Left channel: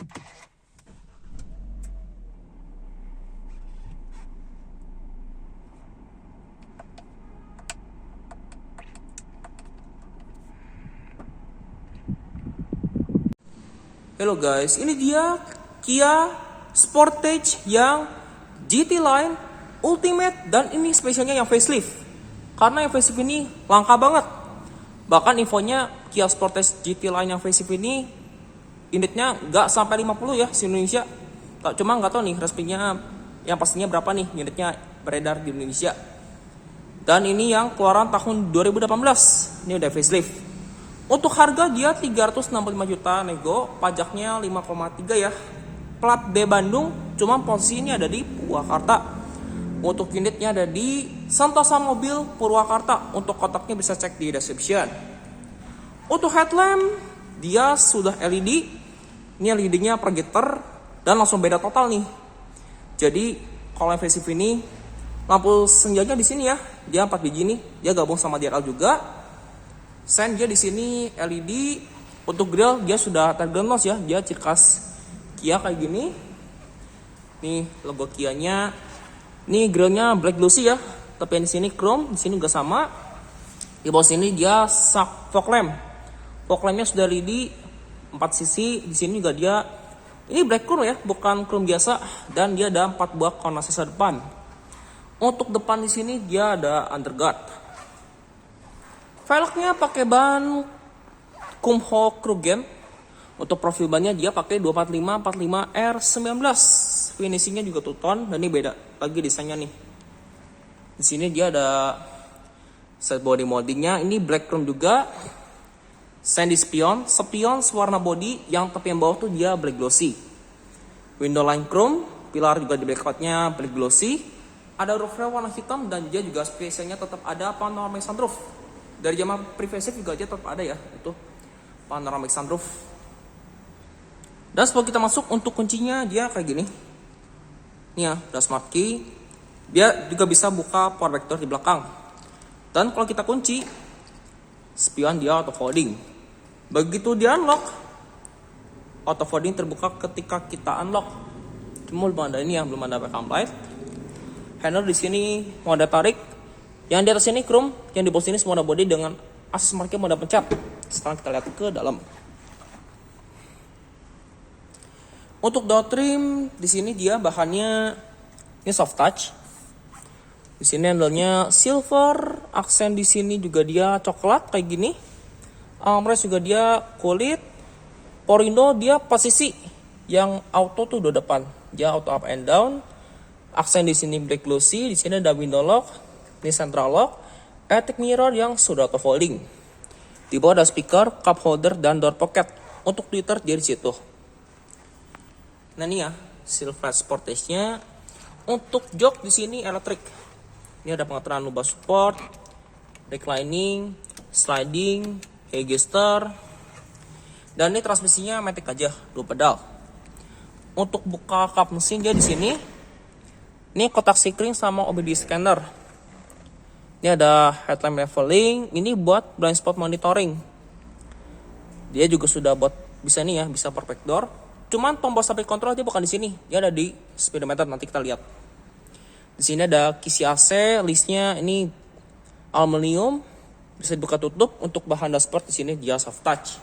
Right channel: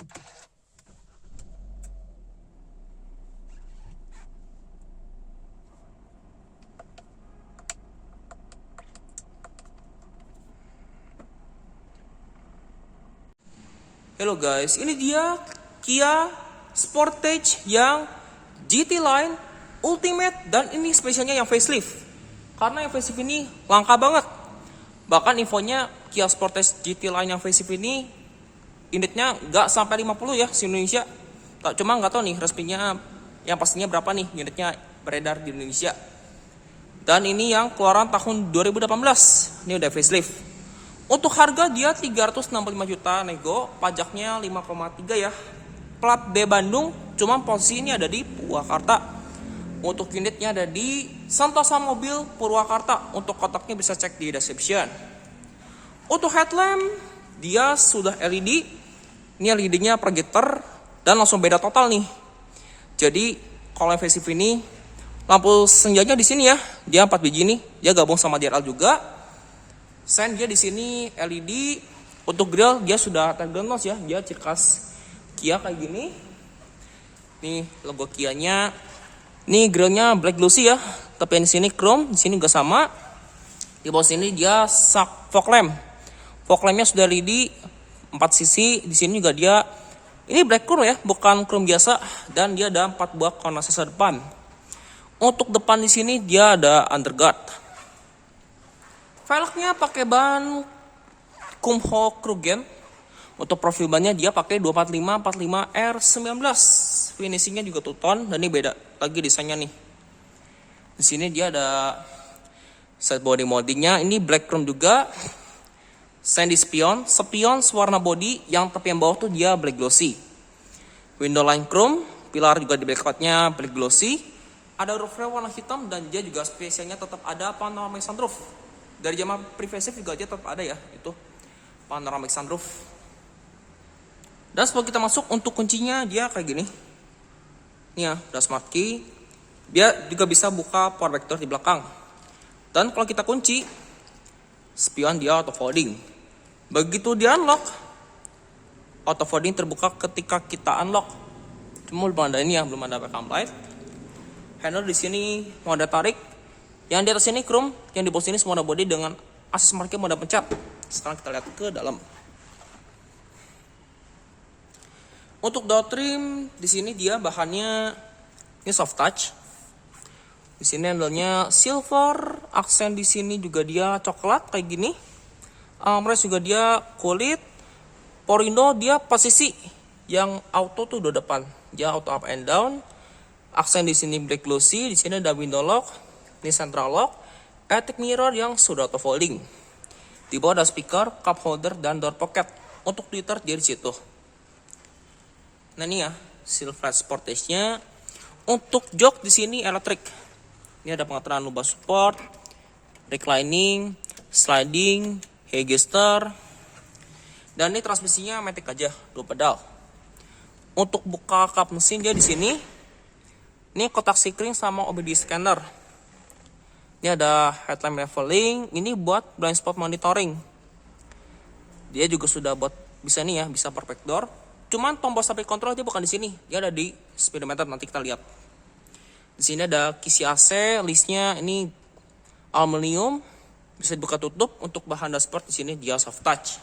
Halo guys, ini dia Kia Sportage yang GT Line Ultimate, dan ini spesialnya yang facelift. Karena yang facelift ini langka banget. Bahkan infonya Kia Sportage GT Line yang facelift ini unitnya nggak sampai 50 ya di Indonesia. Cuma nggak tahu nih resminya yang pastinya berapa nih unitnya beredar di Indonesia. Dan ini yang keluaran tahun 2018. Ini udah facelift. Untuk harga dia 365 juta nego, pajaknya 5,3 ya. Plat D Bandung, cuma posisi ini ada di Purwakarta. Untuk unitnya ada di Santosa Mobil Purwakarta. Untuk kotaknya bisa cek di description. Untuk headlamp dia sudah LED. Ini LED-nya projector dan langsung beda total nih. Jadi kalau facelift ini lampu senjanya di sini ya, dia 4 biji nih. Dia gabung sama DRL juga. Sen dia di sini LED. Untuk grill dia sudah tergenos ya, dia ciri khas Kia kayak gini. Nih logo Kianya. Nih grillnya black glossy ya, tapi yang di sini chrome, di sini juga sama. Di bawah sini dia fog lamp. Fog lampnya sudah LED 4 sisi. Di sini juga dia ini black chrome ya, bukan chrome biasa, dan dia ada 4 buah corner sensor depan. Untuk depan di sini dia ada underguard. Velgnya pakai ban Kumho Krugen. Untuk profil bannya dia pakai 245 R19. Finishingnya juga two-tone dan ini beda lagi desainnya nih. Di sini dia ada set body moldingnya, ini black chrome juga. Sandy spion warna body, yang tapi yang bawah tuh dia black glossy. Window line chrome, pilar juga di black outnya black glossy. Ada roof rail warna hitam dan dia juga spesialnya tetap ada panoramic sunroof. Dari zaman pre-facelift juga dia tetap ada ya, itu panoramic sunroof. Dan sebelum kita masuk, untuk kuncinya dia kayak gini. Nih ya, ada smart key. Dia juga bisa buka power back door di belakang. Dan kalau kita kunci, spion dia auto folding. Begitu dia unlock, auto folding terbuka ketika kita unlock. Cuma belum ada ini ya, belum ada backup light. Handle di sini mode tarik. Yang di atas ini chrome, yang di bawah sini semua ada body dengan akses markir mode pencap. Sekarang kita lihat ke dalam. Untuk door trim di sini dia bahannya ini soft touch. Di sini handle-nya silver, aksen di sini juga dia coklat kayak gini. Armrest juga dia kulit. Power window dia posisi yang auto tuh udah depan. Dia auto up and down. Aksen di sini black glossy, di sini ada window lock. Ini central lock, electric mirror yang sudah auto folding. Di bawah ada speaker, cup holder, dan door pocket. Untuk Twitter dia di situ. Nah ini ya, Silverado Sportage-nya. Untuk jok di sini elektrik. Ini ada pengaturan lumbar support, reclining, sliding, headrest, dan ini transmisinya matic aja, 2 pedal. Untuk buka kap mesin dia di sini. Ini kotak sikring sama OBD scanner. Ini ada headlamp leveling, ini buat blind spot monitoring. Dia juga sudah buat bisa nih ya, bisa perfect door. Cuman tombol stability control dia bukan di sini, dia ada di speedometer, nanti kita lihat. Di sini ada kisi AC, listnya ini aluminium, bisa dibuka tutup. Untuk bahan dashboard di sini dia soft touch.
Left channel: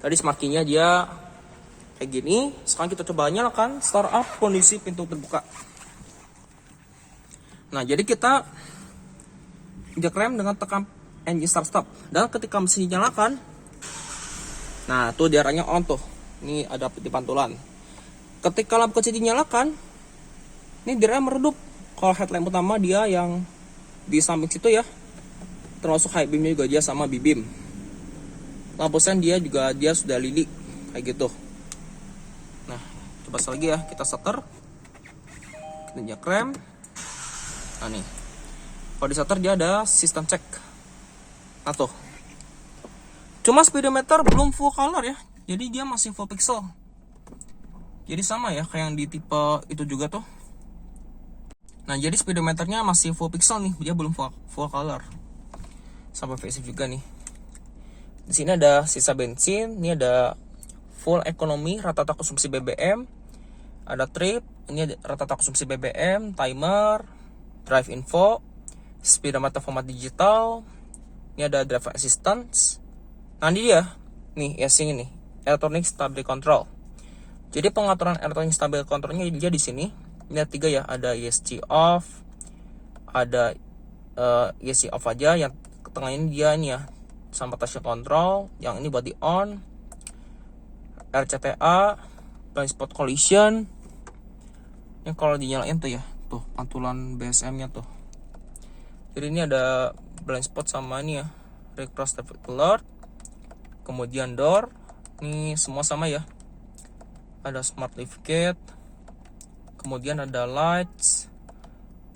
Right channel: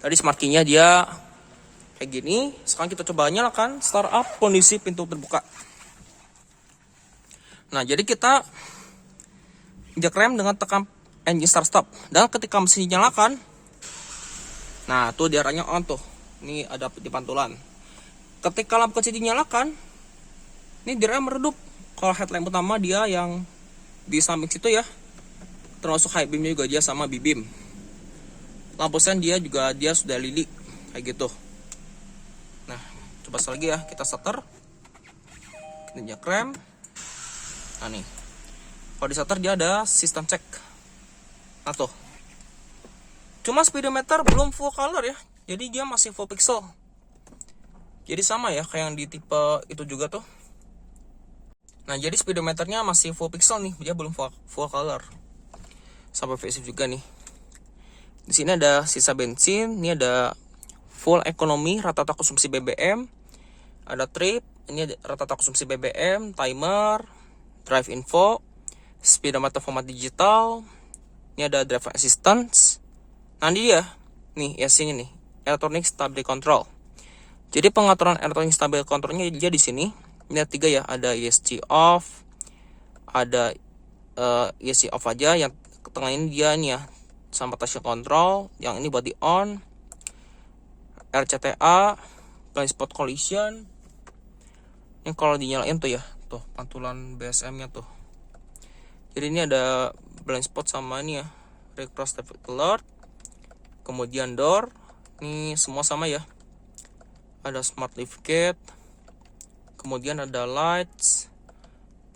Tadi smart key-nya dia kayak gini. Sekarang kita coba nyalakan startup, kondisi pintu terbuka. Nah, jadi kita injak rem dengan tekan engine start stop, dan ketika mesin dinyalakan, nah tuh diarahnya on tuh, ini ada di pantulan. Ketika lampu kecil dinyalakan, ini diarahnya meredup. Kalau headlamp utama dia yang di samping situ ya, termasuk high beamnya juga dia sama B-beam. Lampu sen dia juga dia sudah LED kayak gitu. Nah coba lagi ya, kita starter, kita injak rem. Nah nih, kalau di starter dia ada sistem cek. Nah tuh. Cuma speedometer belum full color ya, jadi dia masih full pixel. Jadi sama ya kayak yang di tipe itu juga tuh. Nah jadi speedometernya masih full pixel nih, dia belum full color. Sampai facelift juga nih. Di sini ada sisa bensin, ini ada full economy, rata-rata konsumsi BBM. Ada trip, ini rata-rata konsumsi BBM, timer, drive info, speedometer format digital. Ini ada driver assistance. Nanti dia, nih ESC nih, electronic stability control. Jadi pengaturan electronic stability controlnya dia di sini. Ini ada 3 ya, ada ESC off, ada ESC off aja, yang tengah ini dia nih ya, sama traction control, yang ini body on, RCTA, blind spot collision. Ini kalau dinyalain tuh ya, tuh pantulan BSM-nya tuh. Jadi ini ada blind spot sama ini ya, recross traffic alert. Kemudian door, ini semua sama ya. Ada smart lift gate. Kemudian ada lights,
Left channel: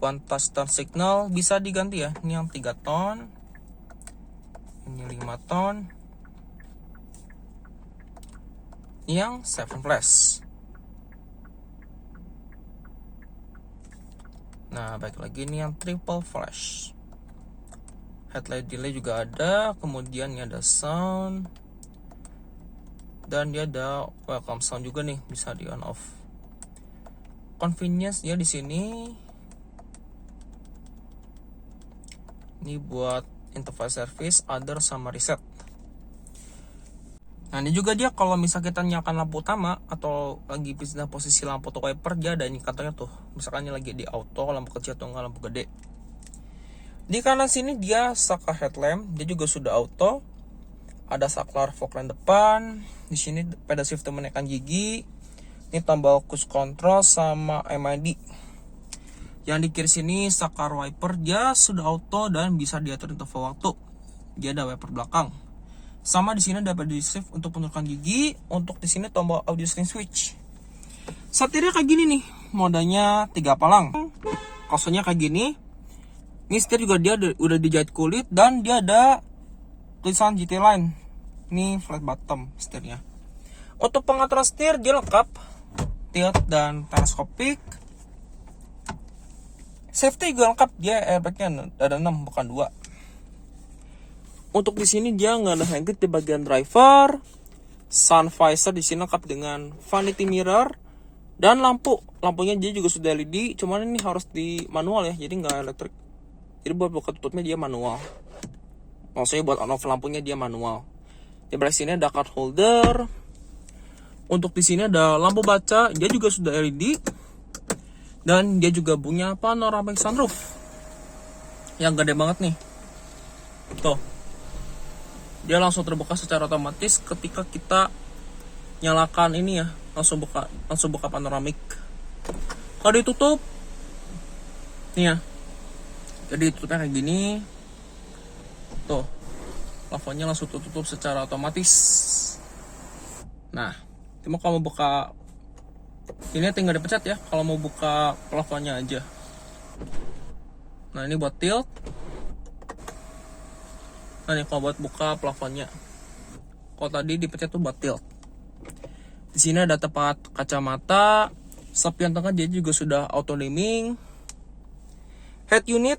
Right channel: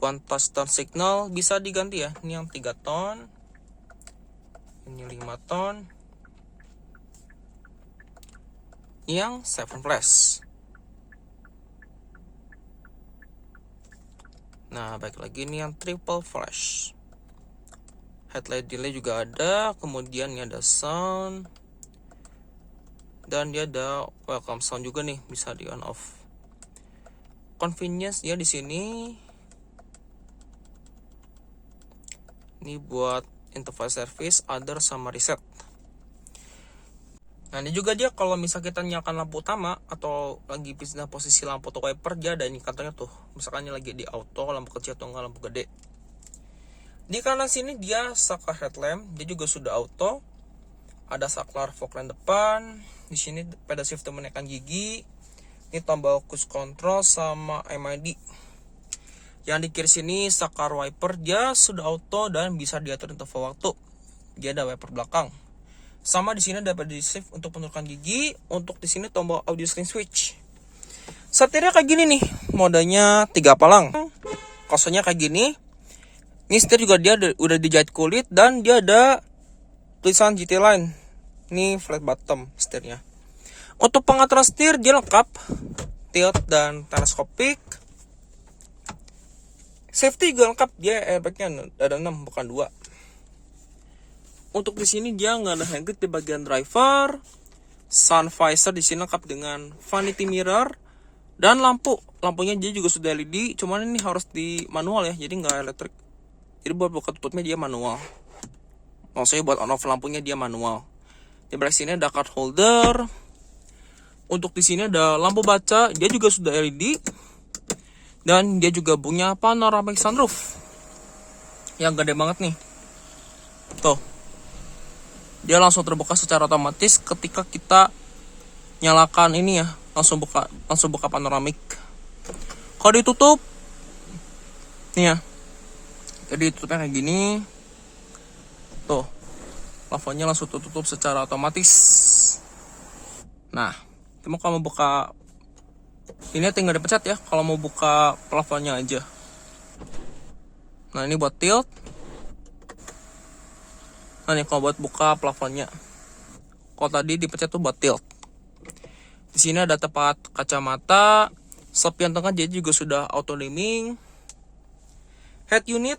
one touch tone signal, bisa diganti ya. Ini yang 3 tone, ini 5 tone, ini yang 7 flash. Nah, baik lagi ini yang triple flash. Headlight delay juga ada. Kemudian ini ada sound, dan dia ada welcome sound juga nih, bisa di on off. Convenience ya di sini. Ini buat interface service, other sama reset. Nah, ini juga dia kalau misal kita nyalakan lampu utama atau lagi pindah posisi lampu atau wiper, dia ada indikatornya tuh. Misalkan ini lagi di auto, lampu kecil atau enggak lampu gede. Di kanan sini dia saklar headlamp, dia juga sudah auto. Ada saklar fog lamp depan. Di sini pedal shifter menekan gigi. Ini tombol cruise control sama MID. Yang di kiri sini saklar wiper, dia sudah auto dan bisa diatur untuk waktu. Dia ada wiper belakang. Sama di sini ada pedal shift untuk menurunkan gigi. Untuk di sini tombol audio stream switch. Setirnya kayak gini nih, modenya 3 palang. Kasurnya kayak gini. Ini setir juga dia udah dijahit kulit dan dia ada tulisan GT Line. Ini flat bottom setirnya. Untuk pengaturan setir dia lengkap, tilt dan teleskopik. Safety juga lengkap, dia airbagnya ada 6 bukan 2. Untuk di sini dia nggak ada hand grip di bagian driver. Sun visor di sini lengkap dengan vanity mirror dan lampu. Lampunya dia juga sudah LED, cuman ini harus di manual ya, jadi nggak elektrik. Jadi buat buka tutupnya dia manual. Maksudnya buat on off lampunya dia manual. Di belakang sini ada card holder. Untuk di sini ada lampu baca, dia juga sudah LED. Dan dia juga punya panoramic sunroof yang gede banget nih. Tuh. Dia langsung terbuka secara otomatis ketika kita nyalakan ini ya, langsung buka panoramik. Kalau ditutup nih ya. Jadi tutupnya kayak gini. Tuh. Plafonnya langsung tutup secara otomatis. Nah, cuma kalau mau buka ini tinggal dipencet ya, kalau mau buka plafonnya aja. Nah, ini buat tilt. Nah, ini kalau buat buka plafonnya. Kalau tadi dipencet tuh buat tilt. Di sini ada tempat kacamata. Sapian tengah dia juga sudah auto dimming. Head unit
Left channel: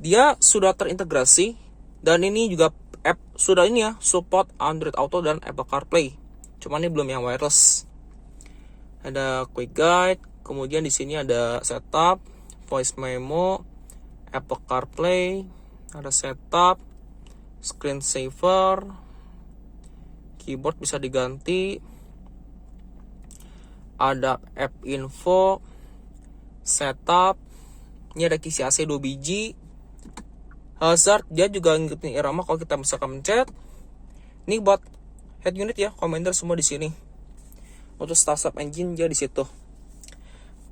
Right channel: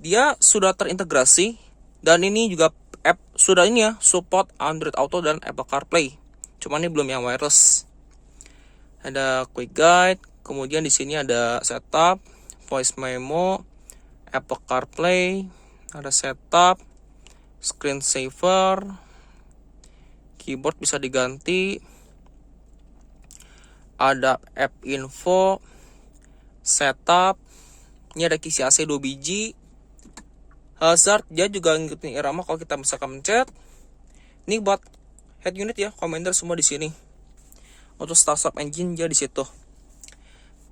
dia sudah terintegrasi dan ini juga app sudah ini ya, support Android Auto dan Apple CarPlay. Cuman ini belum yang wireless. Ada quick guide, kemudian di sini ada setup, voice memo, Apple CarPlay, ada setup, screen saver, keyboard bisa diganti, ada app info, setup, ini ada kisi AC 2 biji, hazard dia juga ngikutin irama kalau kita misalkan mencet. Ini buat head unit ya, commander semua di sini. Untuk start stop engine dia di situ.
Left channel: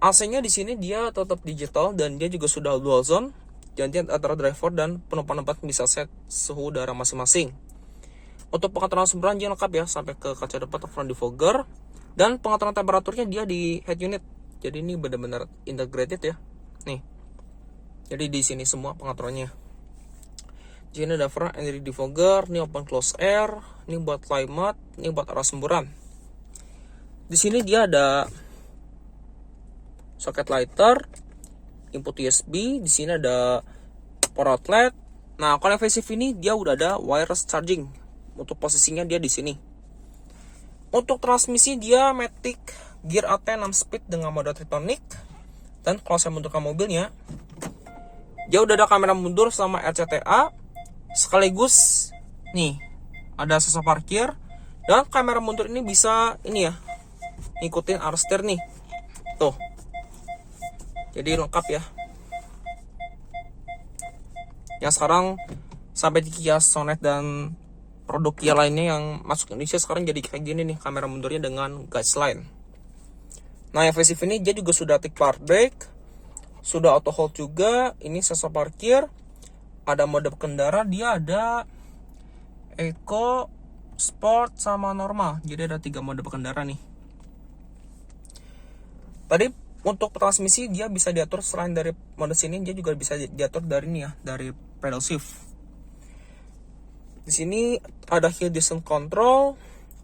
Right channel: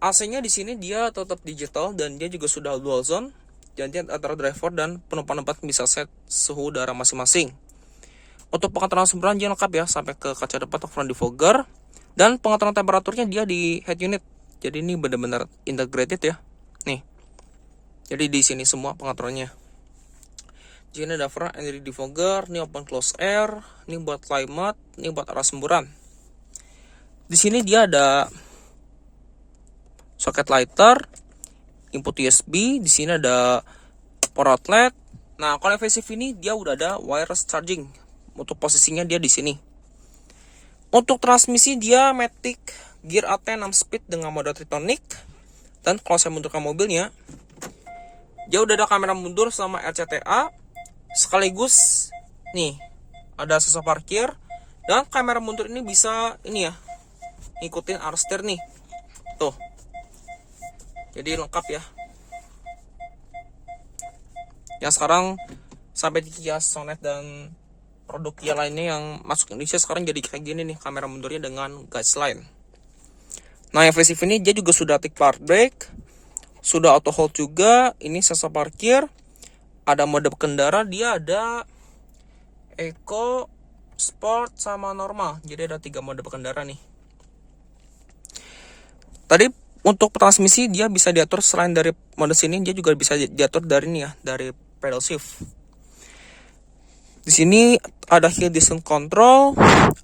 AC-nya di sini dia tetap digital dan dia juga sudah dual zone. Jadi antara driver dan penumpang bisa set suhu udara masing-masing. Untuk pengaturan semburan dia lengkap ya, sampai ke kaca depan atau front defogger. Dan pengaturan temperaturnya dia di head unit. Jadi ini benar-benar integrated ya. Nih. Jadi di sini semua pengaturannya. Di sini ada front and rear defogger, ini open close air, ini buat climate, ini buat arah semburan. Di sini dia ada socket lighter, input USB, di sini ada power outlet. Nah, kalau evasive ini dia udah ada wireless charging. Untuk posisinya dia di sini. Untuk transmisi dia Matic Gear AT 6 speed dengan mode Tritonik. Dan kalau saya mundurkan mobilnya, dia udah ada kamera mundur sama RCTA, sekaligus nih ada sensor parkir, dan kamera mundur ini bisa ini ya, ngikutin arus setir nih. Tuh. Jadi lengkap ya. Yang sekarang sampai di Kia Sonet dan produk Kia lainnya yang masuk Indonesia sekarang jadi kayak gini nih, kamera mundurnya dengan guideline. Nah, yang facelift ini dia juga sudah active park brake, sudah auto hold juga. Ini sensor parkir, ada mode kendara, dia ada Eco, Sport, sama normal. Jadi ada 3 mode berkendara nih. Tadi untuk transmisi dia bisa diatur selain dari mode sini, dia juga bisa diatur dari ini ya, dari pedal shift. Di sini ada hill distance control,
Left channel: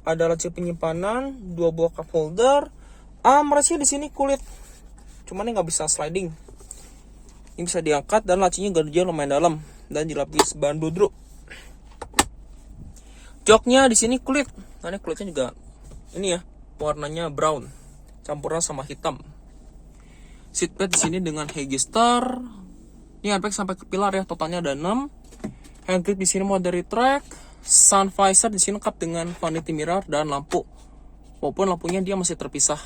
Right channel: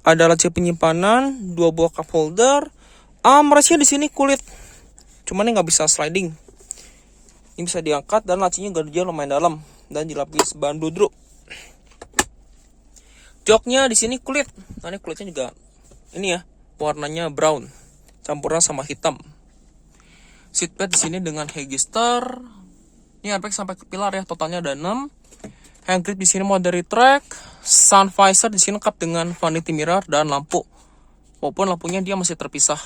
ada laci penyimpanan, 2 buah cup holder. Armrestnya di sini kulit, cuman ini nggak bisa sliding. Ini bisa diangkat dan lacinya dia lumayan dalam dan dilapis bahan duduk. Joknya di sini kulit, karena kulitnya juga ini ya, warnanya brown, campuran sama hitam. Seatbelt di sini dengan Haggistar. Ini airbag sampai ke pilar ya, totalnya ada 6. Handgrip di sini mode retract. Sun visor di sini lengkap dengan vanity mirror dan lampu. Walaupun lampunya dia masih terpisah.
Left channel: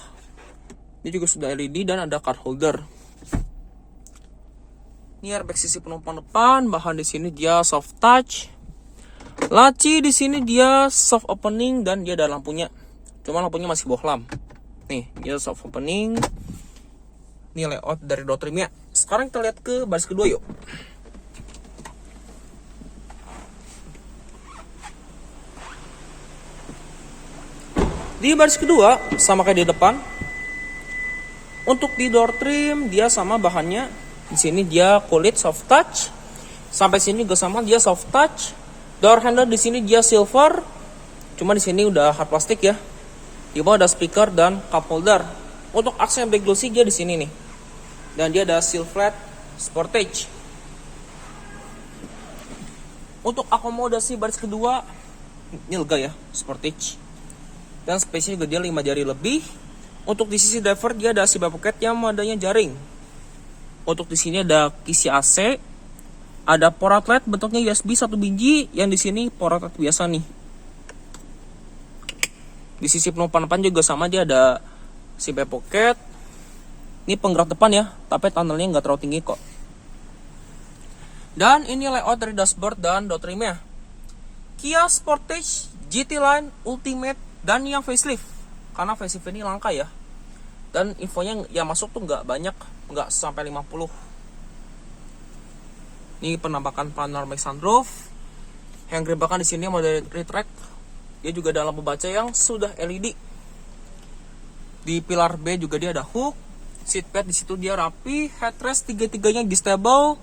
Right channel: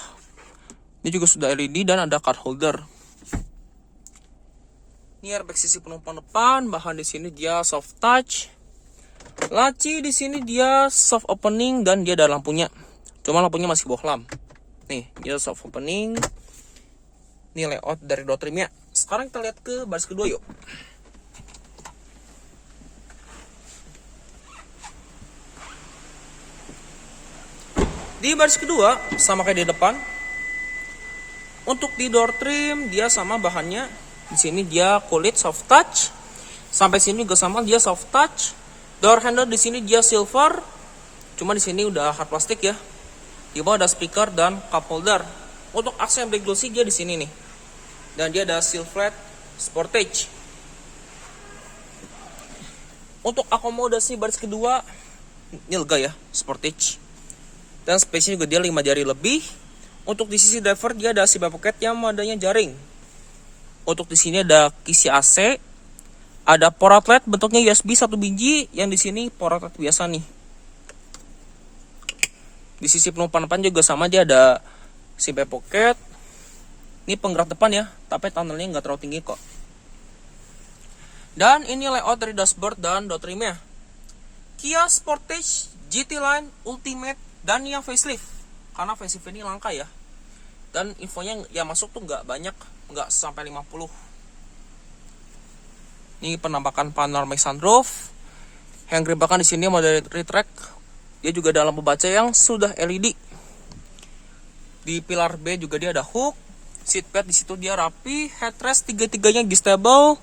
Ini juga sudah LED dan ada card holder. Ini airbag sisi penumpang depan, bahan di sini dia soft touch. Laci di sini dia soft opening dan dia ada lampunya. Cuma lampunya masih bohlam. Nih, dia soft opening. Ini layout dari door trimnya. Sekarang kita lihat ke baris kedua yuk. Di baris kedua sama kayak di depan. Untuk di door trim dia sama bahannya. Di sini dia kulit soft touch. Sampai sini juga sama, dia soft touch. Door handle di sini dia silver. Cuma di sini udah hard plastik ya. Di bawah ada speaker dan cup holder. Untuk aksen black glossy dia di sini nih. Dan dia ada seal flat Sportage. Untuk akomodasi baris kedua ini lega ya, Sportage. Dan space-nya juga dia 5 jari lebih. Untuk di sisi driver dia ada seatbelt pocket yang modenya jaring. Untuk di sini ada kisi AC. Ada power outlet bentuknya USB 1 biji, yang di sini power outlet biasa nih. Di sisi penumpang depan juga sama aja, ada seatbelt pocket. Ini penggerak depan ya, tapi tunnelnya nggak terlalu tinggi kok. Dan ini layout dari dashboard dan door trimnya. Kia Sportage, GT Line, Ultimate, dan yang facelift. Karena facelift ini langka ya. Dan infonya yang masuk tuh nggak banyak, nggak sampai 50. Ini penampakan panoramic sunroof. Yang gerebakan di sini mode retract. Dia juga ada lampu baca yang sudah LED. Di pilar B juga dia ada hook. Seatbelt di situ dia rapi. Headrest tiga-tiganya adjustable.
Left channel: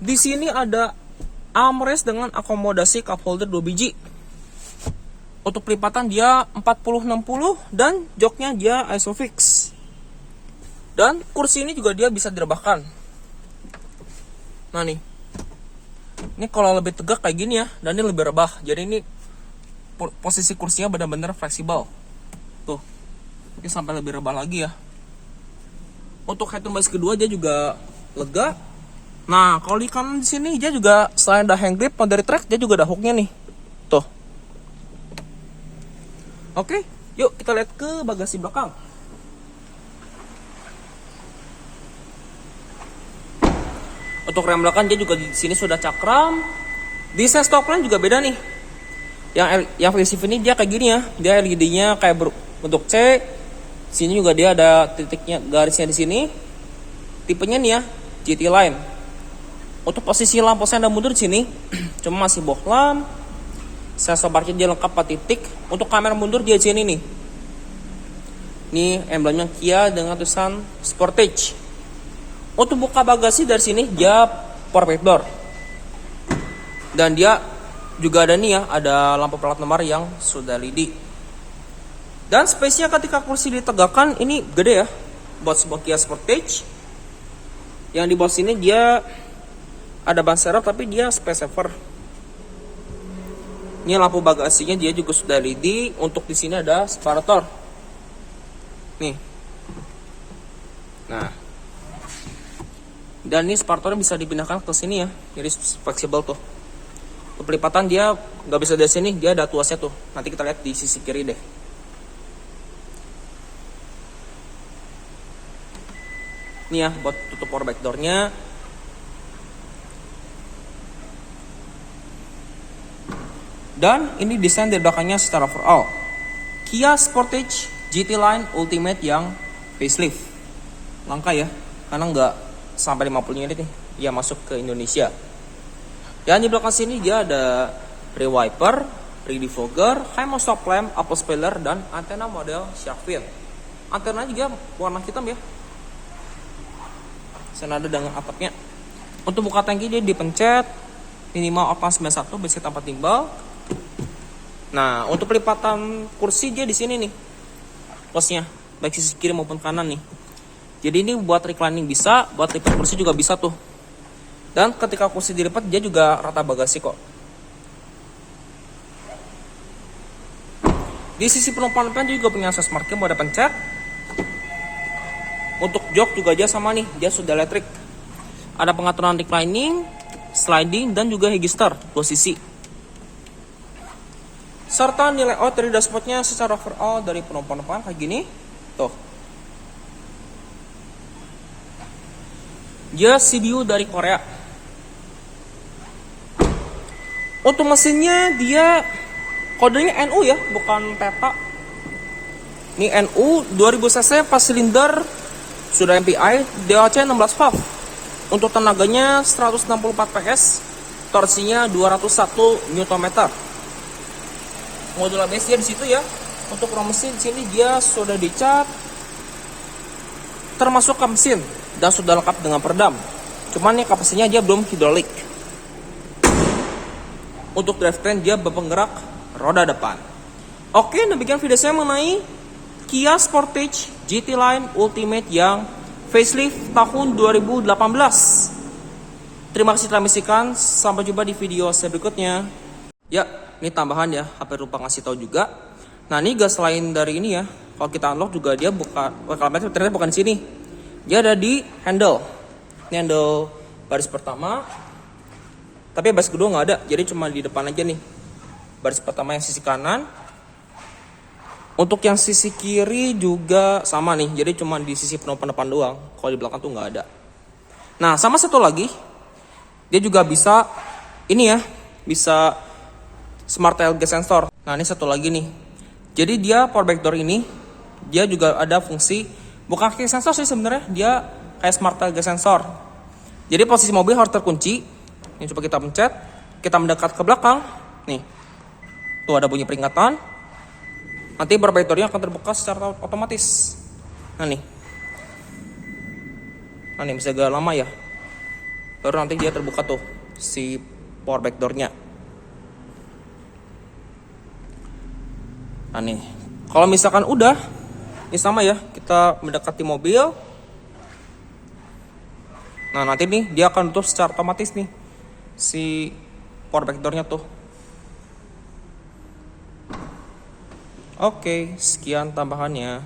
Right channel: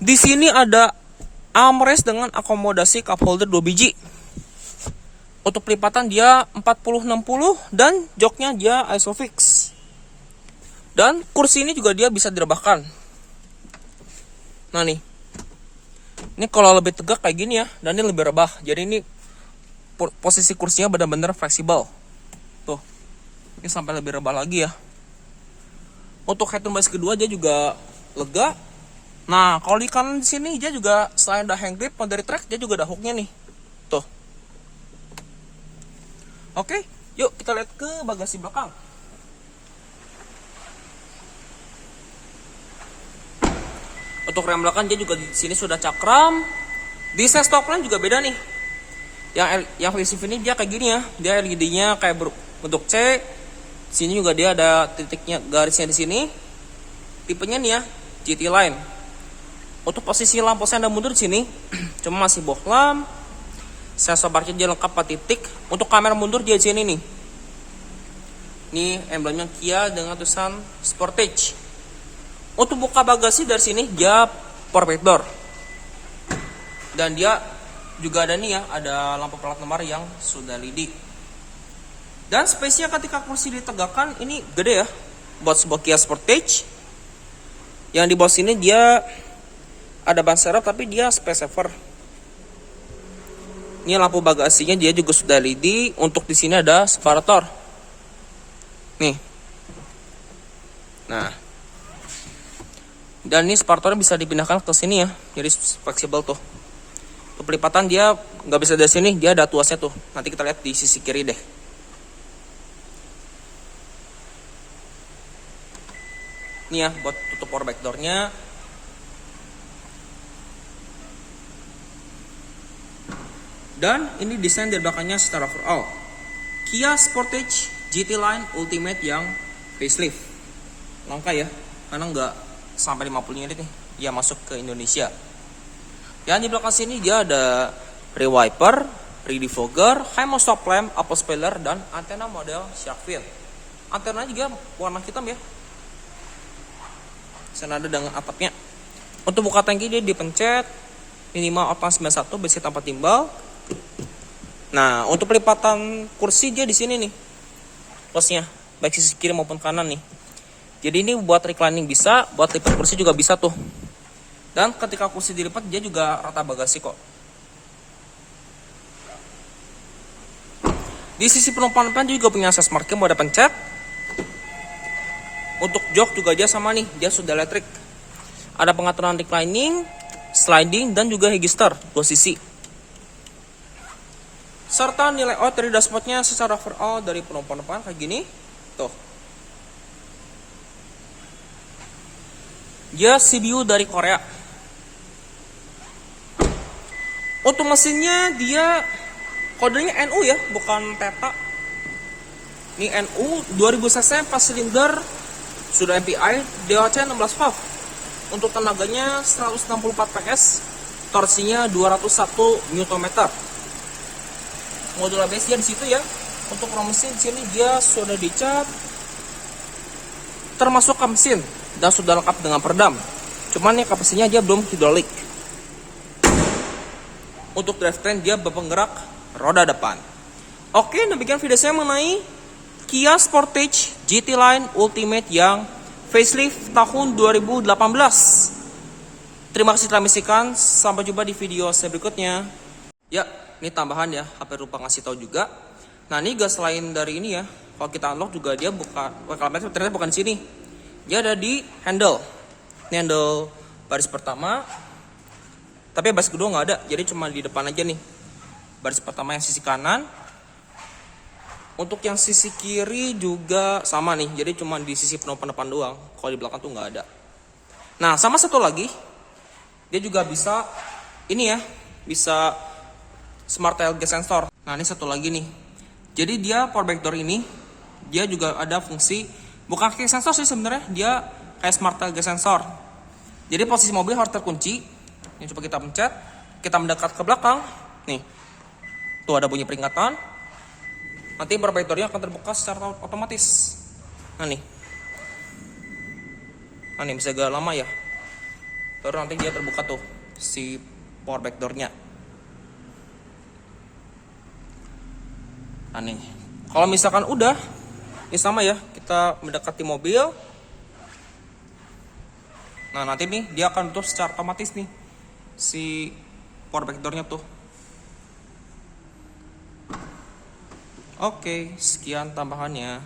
Di sini ada armrest dengan akomodasi cup holder 2 biji. Untuk pelipatan dia 40-60 dan joknya dia isofix. Dan kursi ini juga dia bisa direbahkan. Nah nih. Ini kalau lebih tegak kayak gini ya, dan ini lebih rebah. Jadi ini posisi kursinya benar-benar fleksibel. Tuh. Ini sampai lebih rebah lagi ya. Untuk headroom baris kedua dia juga lega. Nah, kalau di kanan di sini dia juga selain ada hand grip, dari track dia juga ada hooknya nih. Tuh. Oke, yuk kita lihat ke bagasi belakang. Untuk rem belakang dia juga di sini sudah cakram. Desain stop lamp juga beda nih. Yang facelift ini dia kayak gini ya. Dia LED-nya kayak bentuk C. Sini juga dia ada titiknya, garisnya di sini. Tipenya nih ya, GT Line. Untuk posisi lampu sen dan mundur di sini cuma masih bohlam. Sensor parkir dia lengkap 4 titik. Untuk kamera mundur dia di sini nih. Ini emblemnya Kia dengan tulisan Sportage. Untuk buka bagasi dari sini dia power door. Dan dia juga ada nih ya, ada lampu plat nomor yang sudah LED. Dan space-nya ketika kursi ditegakkan ini gede ya, buat sebuah Kia Sportage. Yang di bawah sini dia ada ban serep tapi dia space saver. Ini lampu bagasinya dia juga sudah LED. Untuk di sini ada separator. Nih. Nah. Dan ini separatornya bisa dipindahkan ke sini ya. Jadi fleksibel tuh. Pelipatan dia nggak bisa dari sini, dia ada tuasnya tuh. Nanti kita lihat di sisi kiri deh. Ini ya buat tutup power back door-nya. Dan ini desain dari belakangnya secara overall. Kia Sportage GT Line Ultimate yang facelift. Langka ya, karena nggak sampai 50 unit nih. Dia masuk ke Indonesia. Dan di belakang sini dia ada rear wiper, rear defogger, HEMO stop lamp, upper spoiler, dan antena model shark fin. Antena juga warna hitam ya. Senada dengan atapnya. Untuk buka tangki dia dipencet minimal open 91 besi tanpa timbal. Nah, untuk pelipatan kursi dia di sini nih. Plusnya baik sisi kiri maupun kanan nih. Jadi ini buat reclining bisa, buat lipat kursi juga bisa tuh. Dan ketika kursi dilipat dia juga rata bagasi kok. Di sisi penumpang depan dia juga punya access marking buat pencet. Untuk jok juga dia sama nih, dia sudah elektrik. Ada pengaturan reclining, sliding, dan juga register 2 sisi. Serta nilai layout dari dashboardnya secara overall dari penumpang depan kayak gini. Tuh. Dia CDU dari Korea. Untuk mesinnya dia kodenya NU ya, bukan peta. Ini NU 2000 cc 4 silinder, sudah MPI, DOC 16 valve. Untuk tenaganya 164 PS, torsinya 201 Nm. Modul ABS dia di situ ya. Untuk rom mesin di sini dia sudah dicat, termasuk kap mesin dan sudah lengkap dengan peredam. Cuman nih kap mesinnya dia belum hidrolik. Untuk drivetrain dia berpenggerak roda depan. Oke, demikian video saya mengenai Kia Sportage GT Line Ultimate yang facelift tahun 2018. Terima kasih telah menyaksikan. Sampai jumpa di video saya berikutnya. Ya, ini tambahan ya, HP lupa ngasih tahu juga. Nah, ini gas lain dari ini ya. Kalau kita unlock juga dia buka, ternyata bukan di sini. Dia ada di handle. Ini handle baris pertama. Tapi baris kedua nggak ada, jadi cuma di depan aja nih. Baris pertama yang sisi kanan. Untuk yang sisi kiri juga sama nih, jadi cuma di sisi penumpang depan doang. Kalau di belakang tuh nggak ada. Nah, sama satu lagi, dia juga bisa ini ya, bisa smart tailgate sensor. Nah, ini satu lagi nih. Jadi dia power back door ini, dia juga ada fungsi bukan kayak sensor sih sebenarnya, dia kayak smart tailgate sensor. Jadi posisi mobil harus terkunci. Ini coba kita pencet, kita mendekat ke belakang. Nih, tuh ada bunyi peringatan. Nanti power back door-nya akan terbuka secara otomatis. Nah nih bisa agak lama ya. Baru nanti dia terbuka tuh si power back door-nya. Nah nih, kalau misalkan udah, ini sama ya, kita mendekati mobil. Nah nanti nih dia akan tutup secara otomatis nih si power back door-nya tuh. Oke, sekian tambahannya.